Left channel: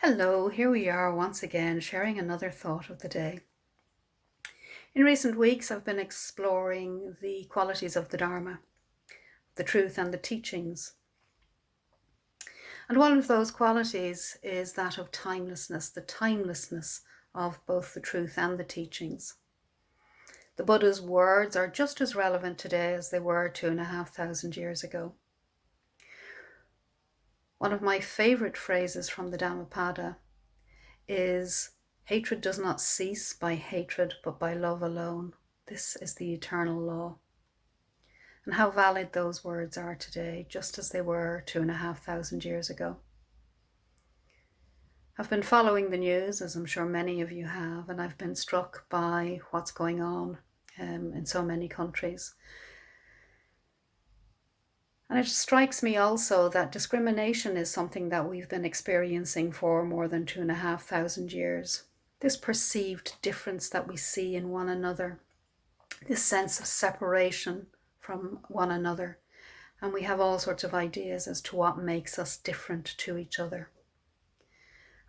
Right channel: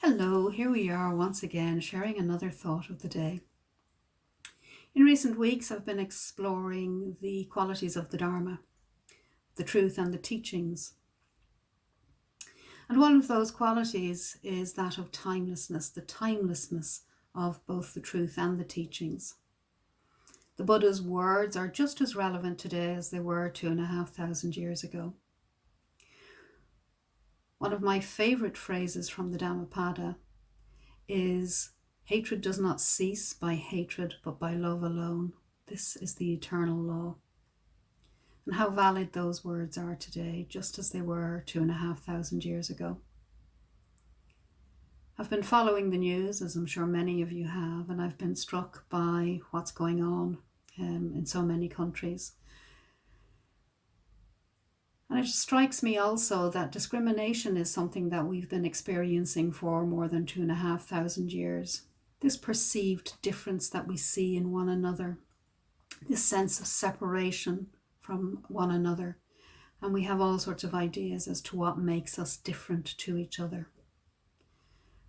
Hello, here we are once again sharing another thought of the day. In recent weeks I've been exploring the qualities of the Dharma, the truth and the teachings. And one of those qualities is that of timelessness, the timelessness of both the truth and the teachings. The Buddha's words are just as relevant today as they were 2,500 years ago. One of my favourite phrases from the Dhammapada is, "Hatred does not cease by hatred, but by love alone. This is the eternal law." And how valid those words are today, just as they were 2,500 years ago. I've been following the news, as I'm sure many of you have, and I've been struck by what's going on in so many countries. And it strikes me also that discrimination is something that we've been experiencing for more than 2,500 years. This perceived difference that we see in one another, this sense of separation from one another. And we have all sorts of ideas as to what makes us different to each other.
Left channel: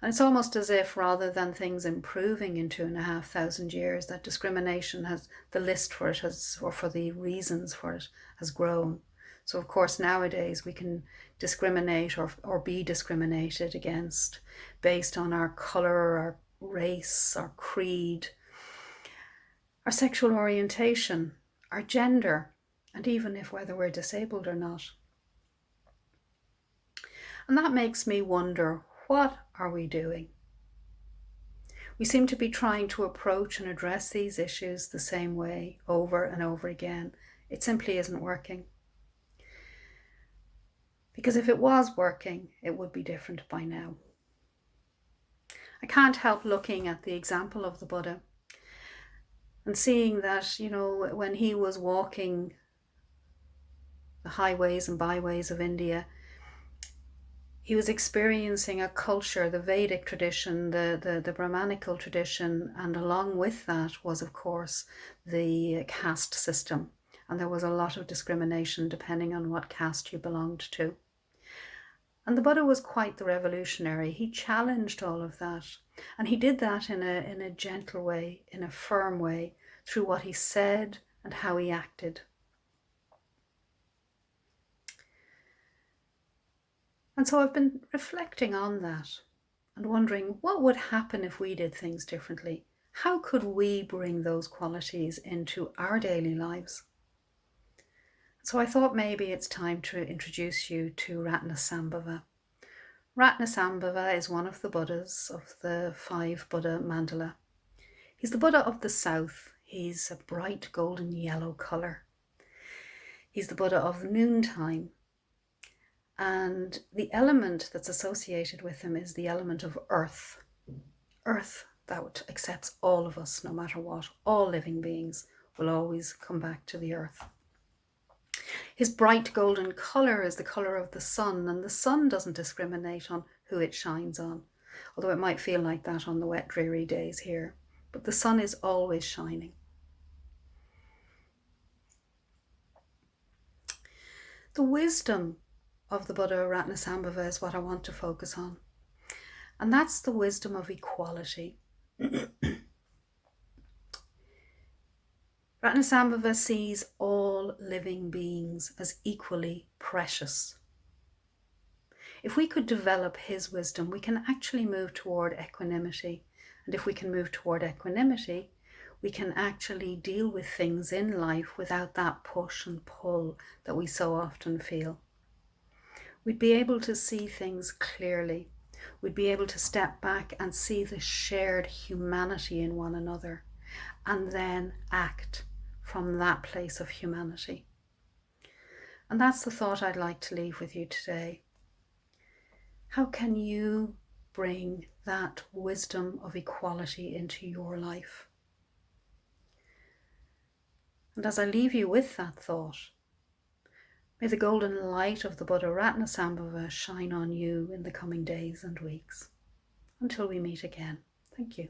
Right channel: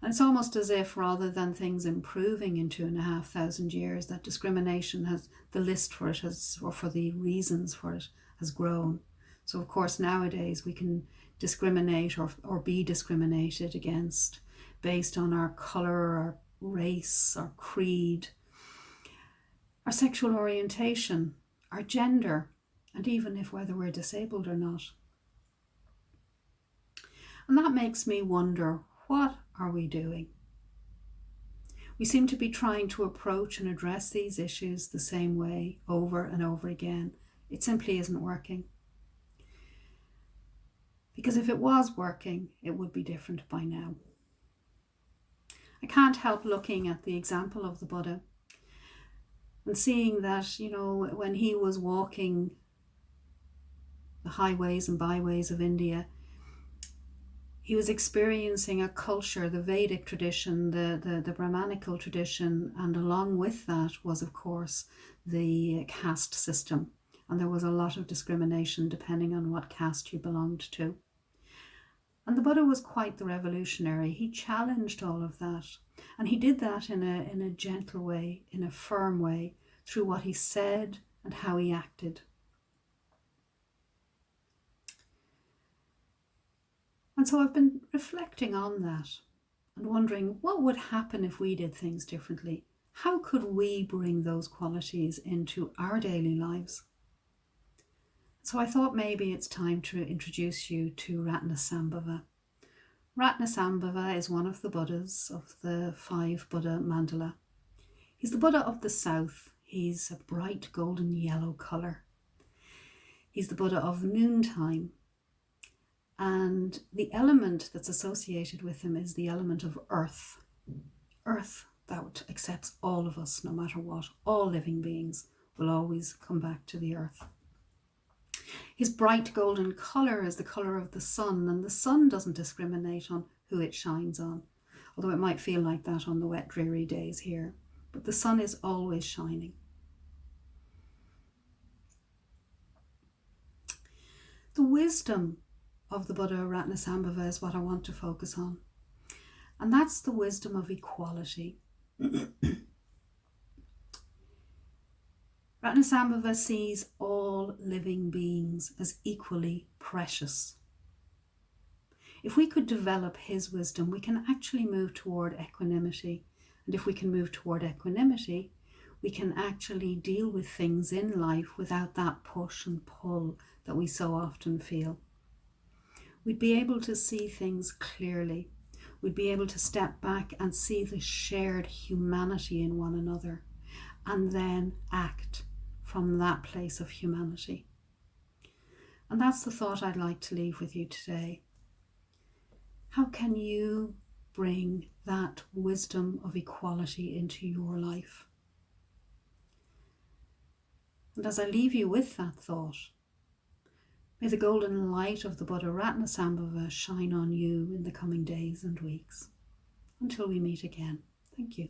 And it's almost as if rather than things improving in 2,500 years, that discrimination has, the list for it has, or for the reasons for it, has grown. So of course nowadays we can discriminate or be discriminated against based on our colour, our race, our creed, our sexual orientation, our gender, and even if whether we're disabled or not. And that makes me wonder, what are we doing? We seem to be trying to approach and address these issues the same way over and over again. It simply isn't working. Because if it was working, it would be different by now. I can't help looking at the example of the Buddha and seeing that, when he was walking the highways and byways of India, he was experiencing a culture, the Vedic tradition, the Brahmanical tradition, and along with that was, of course, the caste system. And there was a lot of discrimination depending on what caste you belonged to. And the Buddha was quite the revolutionary. He challenged all of that. And he did that in a gentle way, in a firm way, through what he said and how he acted. And so I've been reflecting on that and wondering what would happen if we did things differently. How could we bring those qualities into our daily lives? So I thought maybe it's time to introduce you to Ratnasambhava. Ratnasambhava is one of the Buddhas of the 5 Buddha mandala. He's the Buddha of the South. He's a bright golden yellow colour. He's the Buddha of noontime. And the element that's associated with him is the element of earth. Earth that accepts all of us, no matter what. All living beings will always come back to the earth. His bright golden colour is the colour of the sun, and the sun doesn't discriminate on who it shines on, although it might feel like that on the wet, dreary days here. But the sun is always shining. The wisdom of the Buddha Ratnasambhava is what I want to focus on, and that's the wisdom of equality. Ratnasambhava sees all living beings as equally precious. If we could develop his wisdom, we can actually move toward equanimity. And if we can move toward equanimity, we can actually deal with things in life without that push and pull that we so often feel. We'd be able to see things clearly. We'd be able to step back and see the shared humanity in one another, and then act from that place of humanity. And that's the thought I'd like to leave with you today. How can you bring that wisdom of equality into your life? And as I leave you with that thought, may the golden light of the Buddha Ratnasambhava shine on you in the coming days and weeks. Until we meet again. Thank you.